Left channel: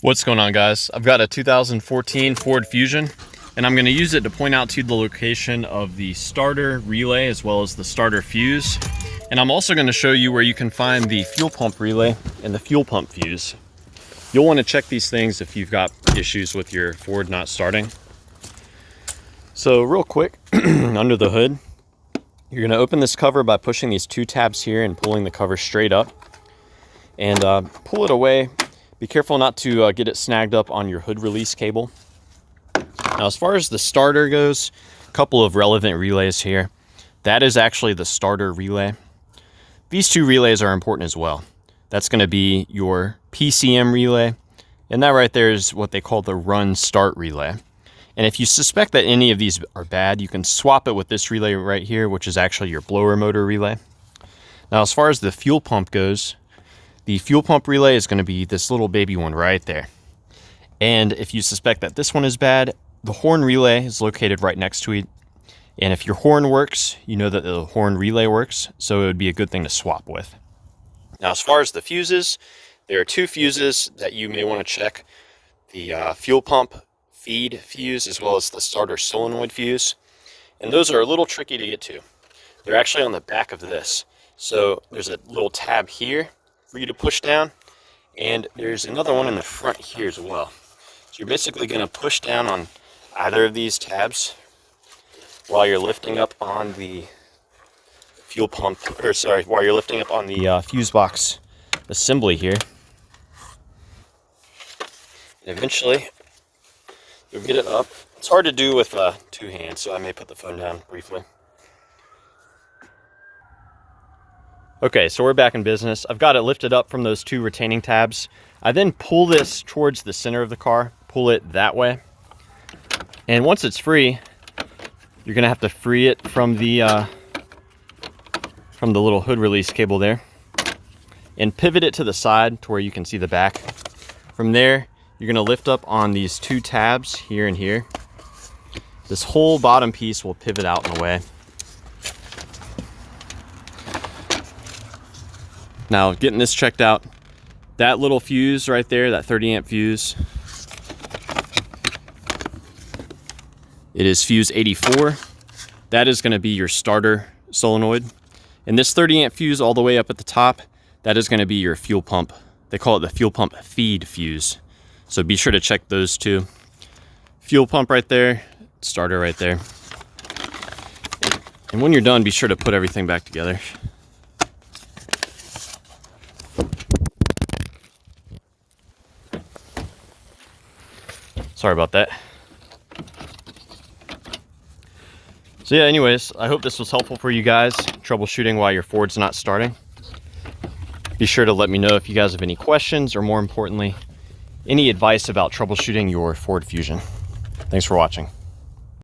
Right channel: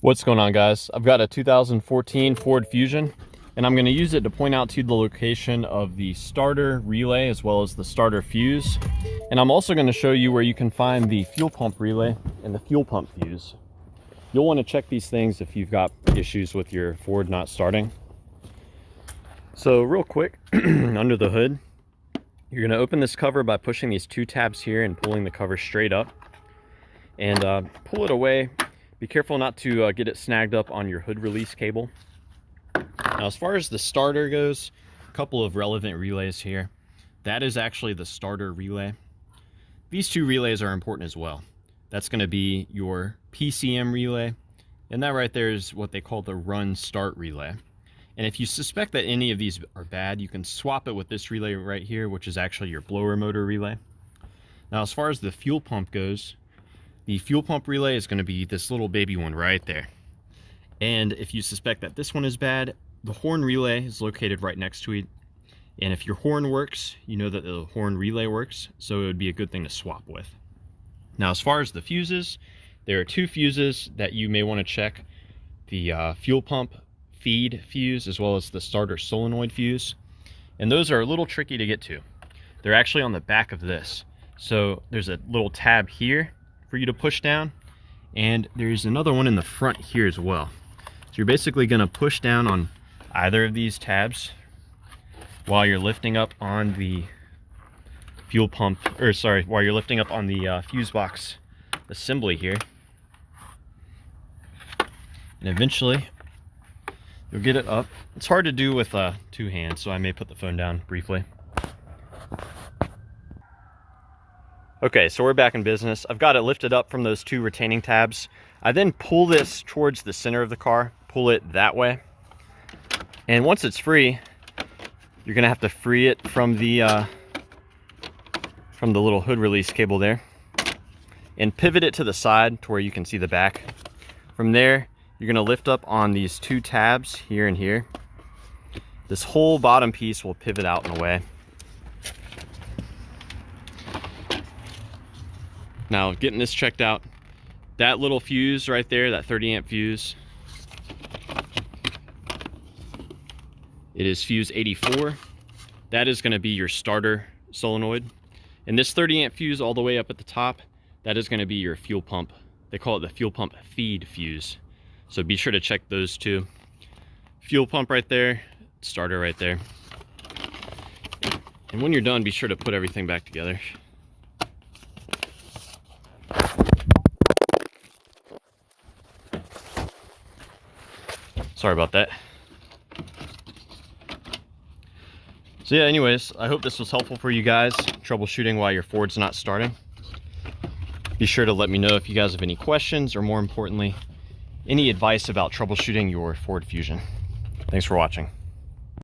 What's going on, guys? I've got a 2014 Ford Fusion, and I'm going to use it to point out to you the location of the starter relay as well as the starter fuse. And I'm also going to show you where you can find the fuel pump relay and the fuel pump fuse. You'll want to check these things if you've got issues with your Ford not starting. So real quick, under the hood, you're going to open this cover by pushing these two tabs here and pulling the cover straight up. And pull it away. Be careful not to get it snagged up on your hood release cable. Now, as far as the starter goes, a couple of relevant relays here. That is actually the starter relay. These two relays are important as well. That's going to be your PCM relay, and that right there is what they call the run start relay. And if you suspect that any of these are bad, you can swap it with this relay right here, which is actually your blower motor relay. Now, as far as the fuel pump goes, the fuel pump relay is going to be this little baby one right there. And if you suspect that this one is bad, the horn relay is located right next to it. And if your horn works, you know that the horn relay works, so it would be a good thing to swap with. Now, as far as the fuses, there are two fuses that you may want to check. The fuel pump feed fuse as well as the starter solenoid fuse. And those are a little tricky to get to. They're actually on the back of this. So there's a little tab here for you to push down, and there's another one in the front here as well. So you're basically going to push down on either of these tabs while you're lifting up on the fuel pump, or sorry, while you're lifting up on the fuse box assembly here. And eventually you'll get it up. It's hard to do with two hands, so I may put the phone down briefly. Okay, so we're back in business. I've got it lifted up from those two retaining tabs. I then pull this towards the center of the car, pull it that way. And once it's free, you're gonna have to free it from the little hood release cable there and pivot it to the side to where you can see the back. From there, you're gonna lift up on these two tabs here and here. This whole bottom piece will pivot out and away. Now, getting this checked out, that little fuse right there, that 30 amp fuse, it is fuse 84. That is going to be your starter solenoid. And this 30 amp fuse all the way up at the top, that is going to be your fuel pump. They call it the fuel pump feed fuse. So be sure to check those two. Fuel pump right there, starter right there. And when you're done, be sure to put everything back together. Sorry about that. So yeah, anyways, I hope this was helpful for you guys, troubleshooting while your Ford's not starting. Be sure to let me know if you guys have any questions, or more importantly, any advice about troubleshooting your Ford Fusion. Thanks for watching.